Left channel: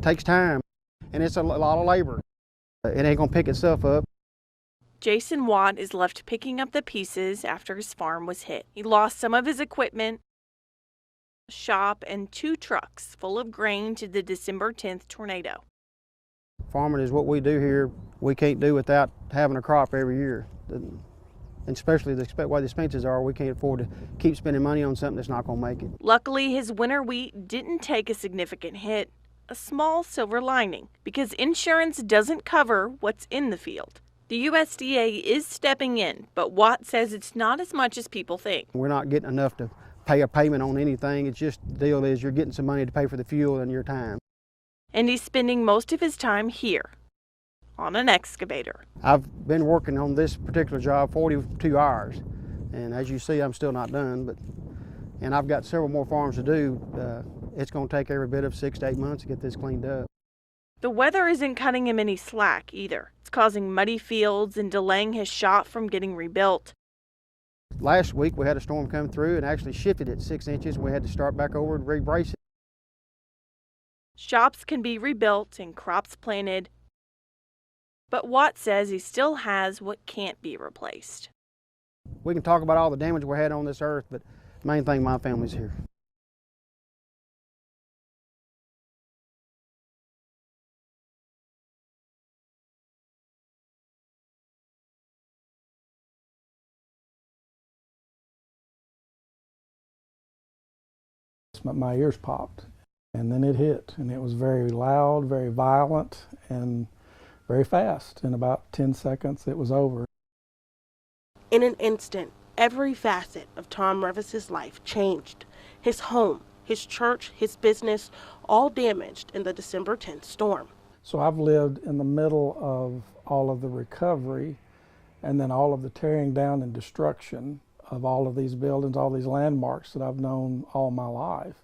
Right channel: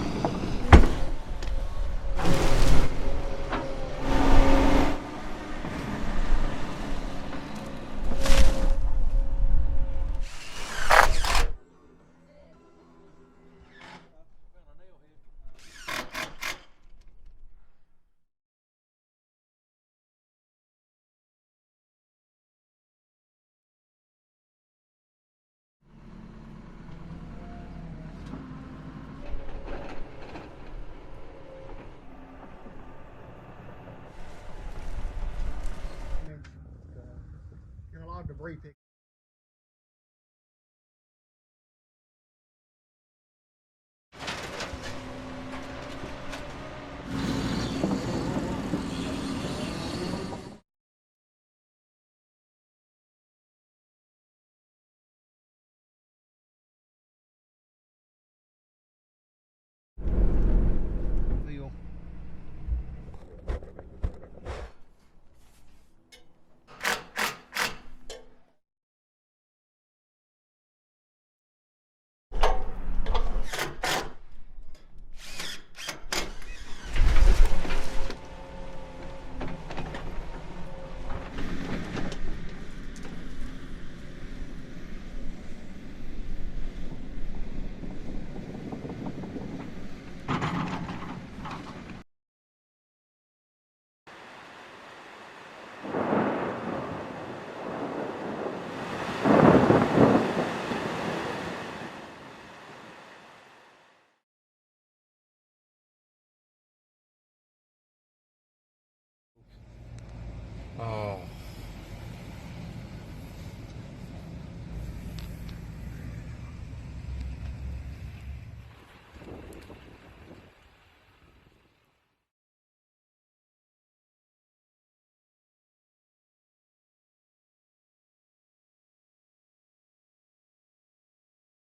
It takes time, and it's a lot of labor. It ain't gonna pick itself up. Jason Watt is left picking up the pieces after his farm was hit. He lost some of his equipment, shop, and 2 trucks full of grain to the December 10th tornado. Farming is what we do here. We can't do without having a crop every year. And especially the way the expenses are, we can't afford to keep spending money on something that's not going to make it. Luckily, his winter wheat didn't take a significant hit, a small silver lining, because insurance doesn't cover what's in the field. The USDA is stepping in, but Watt says it's not as much as people think. We're not getting enough to pay a payment on anything. It's just the deal is you're getting some money to pay for the fuel and your time. And he's spending most of his time here on an excavator. I've been working on this particular job 42 hours, and as you see, I'm still not done, and I've got several more farms to do. It's going to take every bit of 6 to 8 months to get this cleaned up. The weather isn't cutting him any slack either. It's causing muddy fields and delaying his shop from getting rebuilt. Last week we had a storm come through and actually shifted it 6 inches. We had to start back over and re-brace it. Shops can be rebuilt and crops planted, but Watt says he still has what can't be replaced. We can talk about all the damage we had on this earth, but the main thing, my family's here. My ears popped, and then it hit, and it was very loud, very violent, and very fast. In about 10 seconds, it was over. Oh. In an instant, every facet of Tom Revis's life changed. His home, his church, his business, all damaged in the December 10th storm. So I've lived in the middle of all of the recovery, and then all of the tearing down and destruction of all of these buildings, all these landmarks that I've known all my life.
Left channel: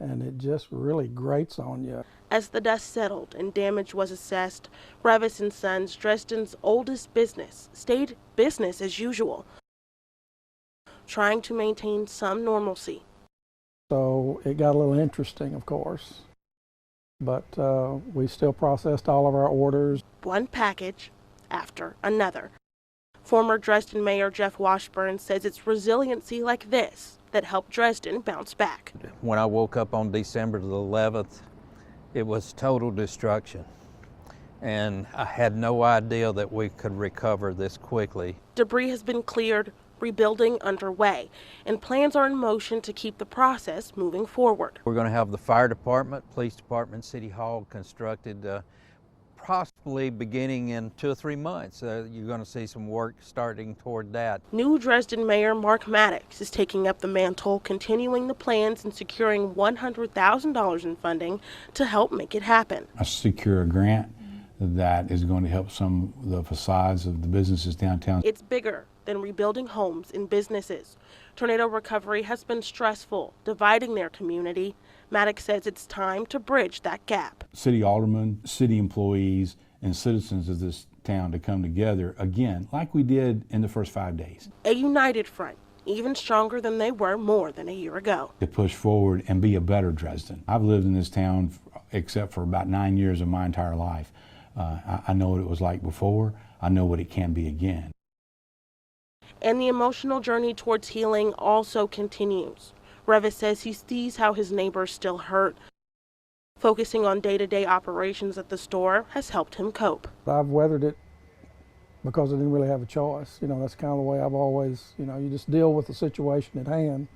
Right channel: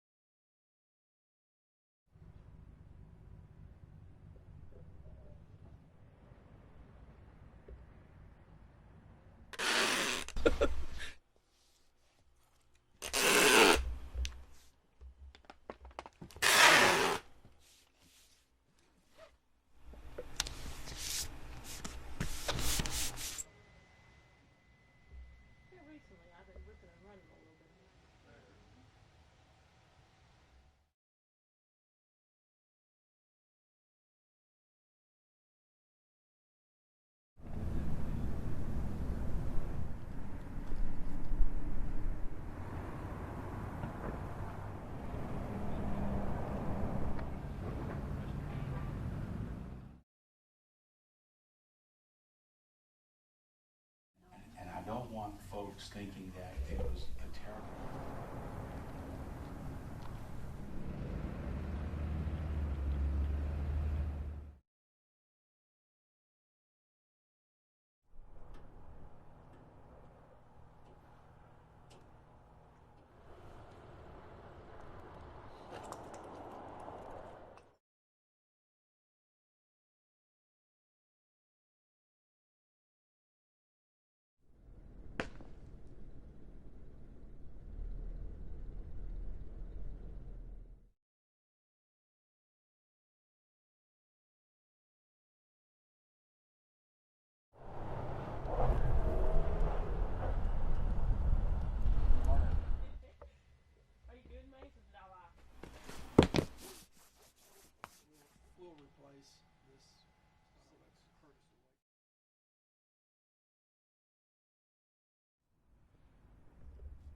And it just really grates on you. As the dust settled and damage was assessed, Revis and Sons, Dresden's oldest business, stayed business as usual, trying to maintain some normalcy. So it got a little interesting, of course, but we still processed all of our orders. One package after another. Former Dresden Mayor Jeff Washburn says it's resiliency like this that helped Dresden bounce back. When I woke up on December the 11th, it was total destruction. And I had no idea that we could recover this quickly. Debris has been cleared, rebuilding underway, and plans are in motion to keep the process moving forward. We're going to have the fire department, police department, city hall constructed possibly beginning in 2 or 3 months. You're going to see some work starting toward that. New Dresden Mayor Mark Maddox is taking up the mantle, continuing the plans and securing $100,000 in funding to help make it happen. I secure a grant that is going to help some of the facades of the businesses downtown. It's bigger than rebuilding homes and businesses. Tornado recovery has been stressful, dividing their community. Maddox says it's time to bridge that gap. City aldermen, city employees, and citizens of this town to come together again, like we did in the first 5 days. A united front, even stronger than they were more than a year ago. To push forward and be a better Dresden. I've lived in this town except for about 9 years of my entire life. I know what it was like before. I know what it can be again. And the emotional journey towards healing also continues. Revis says he sees how his neighbors still hurt. Focusing on day-to-day operations at the store has helped him cope. I've weathered it because I didn't really have a choice. You know, that's kind of the way I've always, you just deal with the situation at hand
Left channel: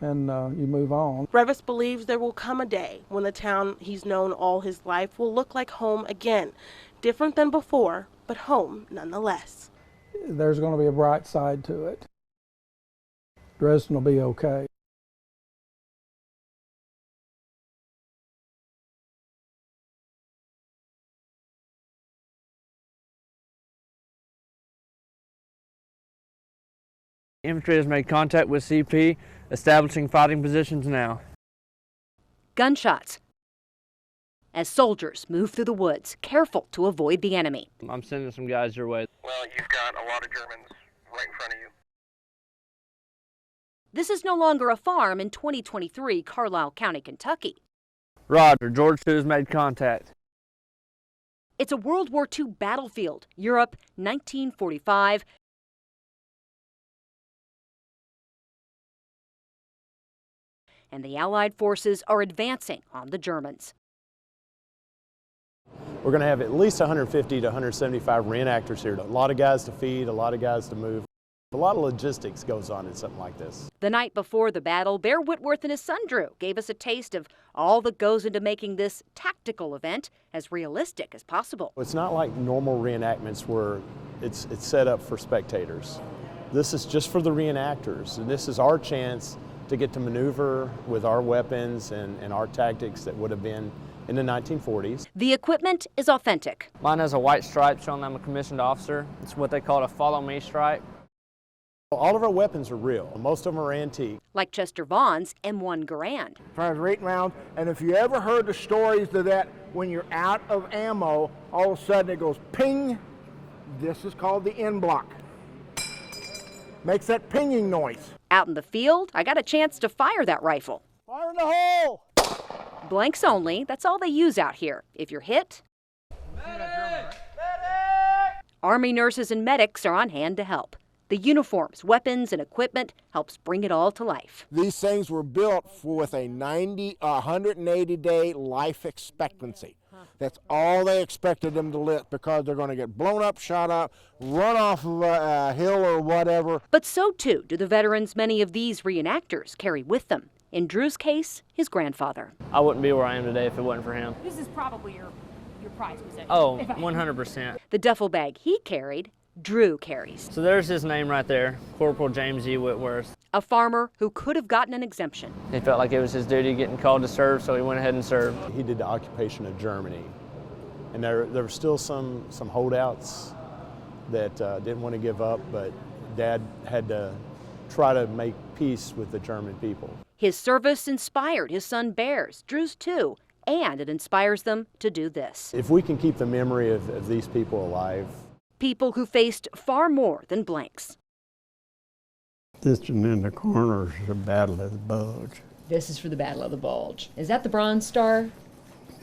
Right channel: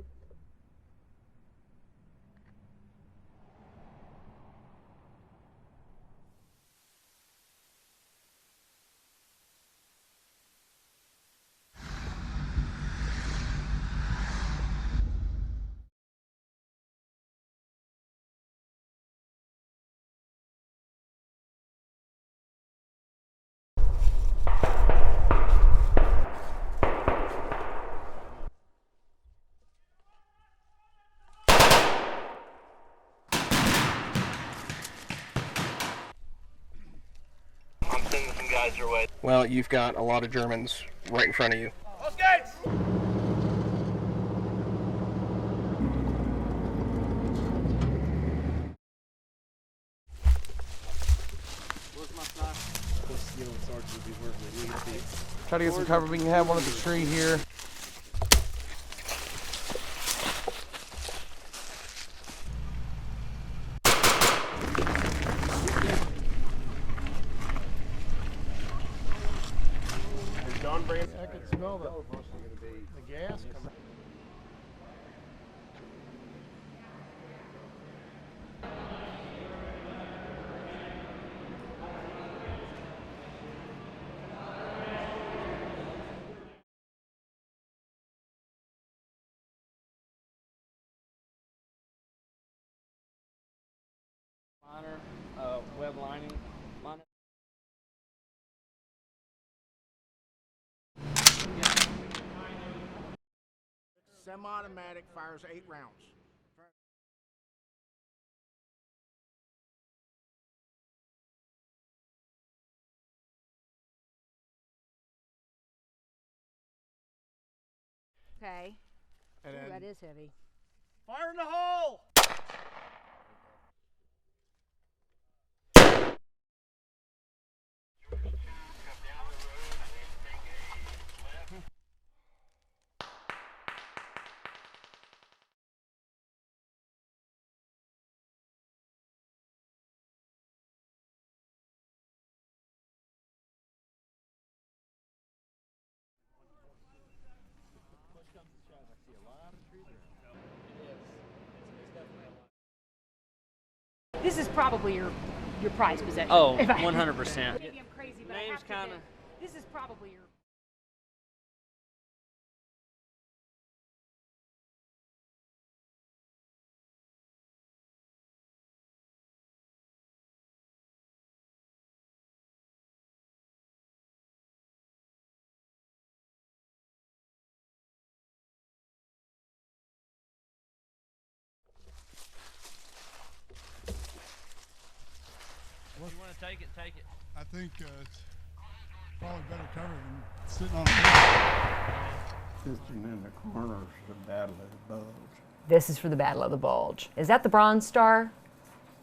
and you move on. Revis believes there will come a day when the town he's known all his life will look like home again. Different than before, but home nonetheless. There's going to be a bright side to it. Dresden will be okay. Infantry has made contact with CP, establishing fighting positions now. Gunshots as soldiers move through the woods, careful to avoid the enemy. I'm sending some guys your way. Well, you've got a lot of Germans right in front of you. This is no longer a farm in 2023 Carlisle County, Kentucky. Roger, George 2 has made contact. It's a World War II battlefield, Europe, 1945. Try to get some cover. We can have one at the tree here. And the Allied forces are advancing on the Germans. We're going to have at least 150 to 175 reenactors here. A lot of guys to feed, a lot of guys to move. A lot of logistics goes on in something like this. The night before the battle, Bear Whitworth and his son Drew gave us a taste of all that goes into making this tactical event as realistic as possible. It's not like normal reenactments where it's set up for spectators. This is just for the reenactors, and this is our chance to get to maneuver with our weapons and our tactics that would have been in the 1940s. The equipment is authentic. Mine has a white stripe showing I'm a commissioned officer. It's what they call a follow me stripe. All of our weapons are real. Most of them are antique. Like Chester Vaughn's M1 Garand. Fires 8 rounds, and if you ever heard the stories of that, when you're out of ammo, all of a sudden it goes ping. This is called the end block. Makes that pinging noise. Out in the field, I got a chance to fire that rifle. Fire in the hole! Blanks only, that's all they use out here. If you're hit, Army nurses and medics are on hand to help. The uniforms, weapons, and equipment helps bring it all to life. These things were built with a 180-day life expectancy. That's all they expected them to live, because they're going to get blown up, shot up, run off of a hill or whatever. But so too do the veterans many of these reenactors carry with them. In Drew's case, his grandfather. I wouldn't be where I am today if it wasn't for him. This is probably your prized possession. Oh, 100%. The duffel bag he carried, Drew carries. So there's his name right there, Corporal James E. Whitworth. A farmer who could have gotten an exemption. He felt like it was his duty getting called to serve, so he went ahead and served. He did the occupation of Germany, and there were still some holdouts that didn't want to give up, but Dad had to try to make peace with the German people. His service inspired his son Bear's, Drew's too, and it inspires them to do this. If we can keep the memory of these people alive. People who faced far more than blanks. This one in the corner is the Battle of the Bulge. This is for the Battle of the Bulge. Is that the Bronze Star?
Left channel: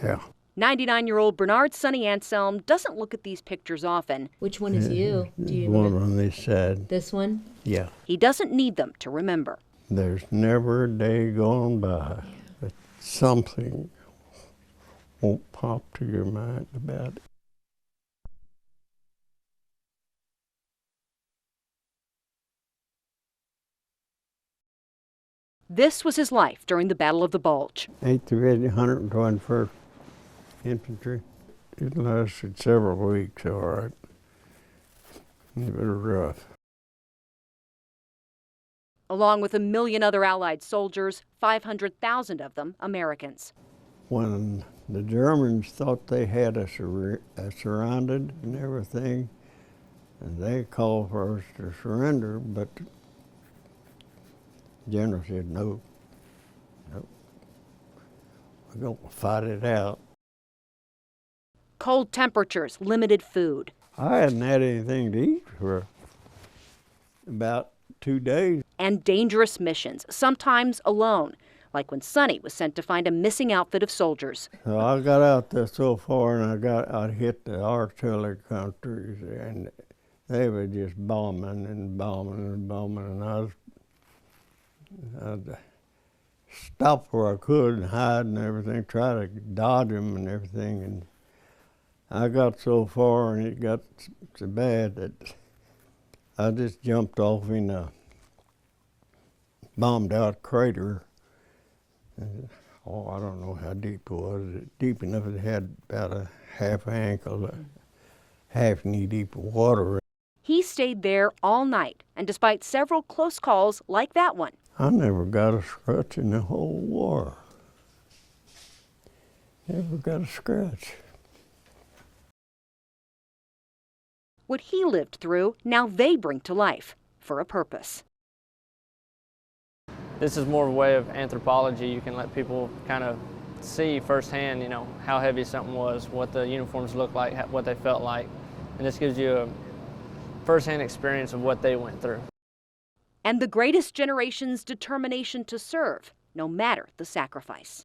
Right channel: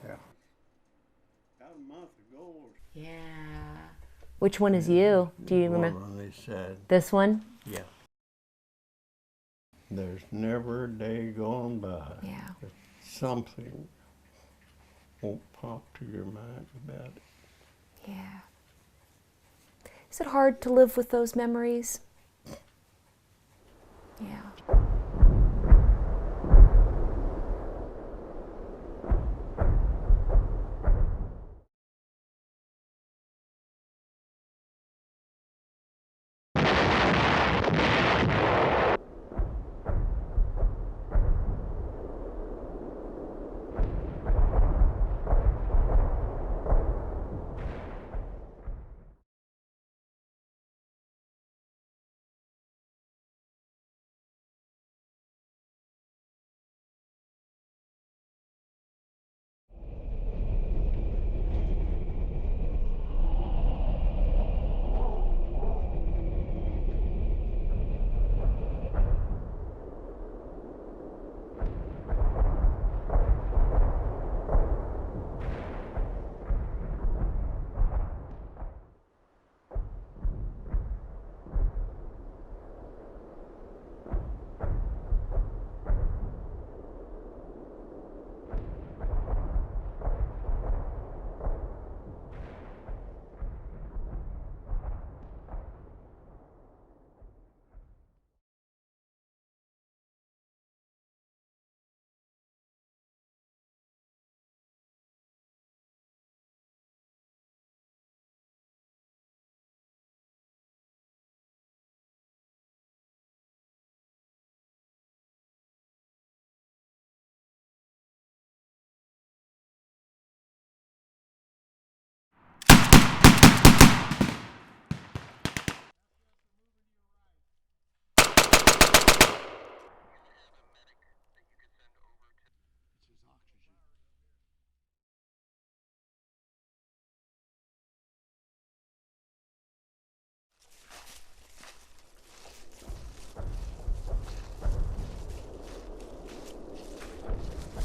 Yeah. 99-year-old Bernard Sonny Anselm doesn't look at these pictures often. Which one is you? Do you One remember? on this side. This one? Yeah. He doesn't need them to remember. There's never a day gone by that something won't pop to your mind about it. Yeah. Is it hard to live with those memories? Yeah. This was his life during the Battle of the Bulge. 8th Division, 121st Infantry. It lasted several weeks, all right. It was rough. Along with 1 million other Allied soldiers, 500,000 of them Americans. When the Germans thought they had us surrounded and everything, and they called for us to surrender, but the general said, no, we're going to fight it out. Cold temperatures, limited food. I hadn't had anything to eat for about 2 days. And dangerous missions, sometimes alone, like when Sonny was sent to find a missing outfit of soldiers. So I got out there so far, and I hit the artillery countries, and they were just bombing and bombing and bombing, and I'd stop where I could and hide and everything, try to dodge them and everything. And I got so far, and it got so bad that I just jumped off in a bombed out crater. And, I don't know how deep it was. Deep enough it had about a half ankle, half knee deep of water. He stayed there all night, and despite several close calls like that one, I never got a scratch in the whole war. Never got a scratch. what he lived through, now they bring to life for a purpose. This is more of a way of anthropology. You can let people kind of see firsthand, you know, how heavy something was, what the uniforms looked like, what they felt like. And this gives you a firsthand experience of what they went through. And the greatest generation's determination to serve, no matter the sacrifice.